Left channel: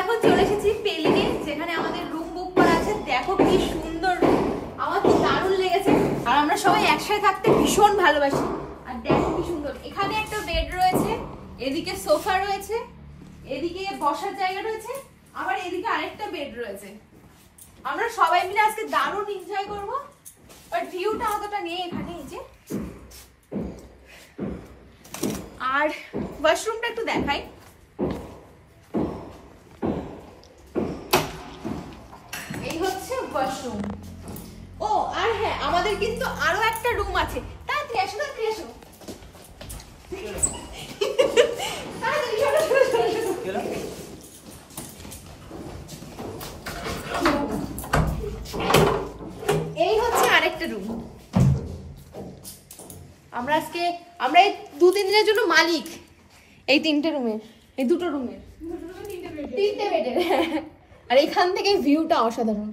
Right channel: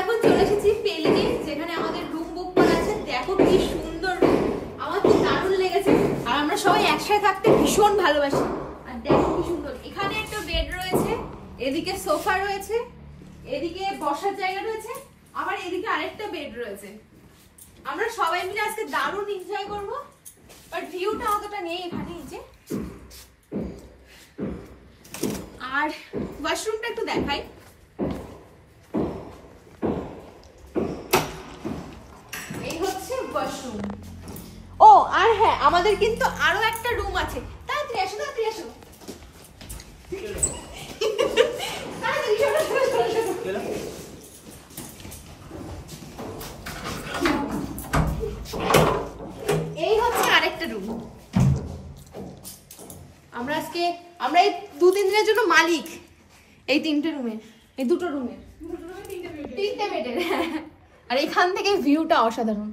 এখন চলে এসেছি পেলিনে, যেখানে আমাদের রুম বুক করা আছে। দেখো কি সুন্দর রুম, আমার তো দারুণ লেগেছে। আর আমরা সবাই একসাথে থাকতে ভীষণ ভালোবাসি। আর দেখো কি সুন্দর, এখানে একটা বেড রয়েছে, এদিকে সোফা রয়েছে, এদিকে বসার জায়গা রয়েছে, আবার এদিকে আরেকটা বেড রয়েছে। আমরা সবাই মিলে আজকে দারুণ এনজয় করবো। আর ভিউটা অতটা নেই এখানে, এই যে। আর ওয়াশরুমটা একটু দেখাই। এই হচ্ছে ওয়াশরুম। ও আর হ্যাঁ, আমাদের কিন্তু আরো একটা রুম আছে। তাড়াতাড়ি আসো, তাড়াতাড়ি আসো। এই হচ্ছে আরেকটা রুম। আমরা এই 2-3 দিনের জন্য মালিক এই 3টে রুমের, এই 2টো রুমের, 3টে বেডের। আর এখান থেকে ভিউটা অসাধারণ।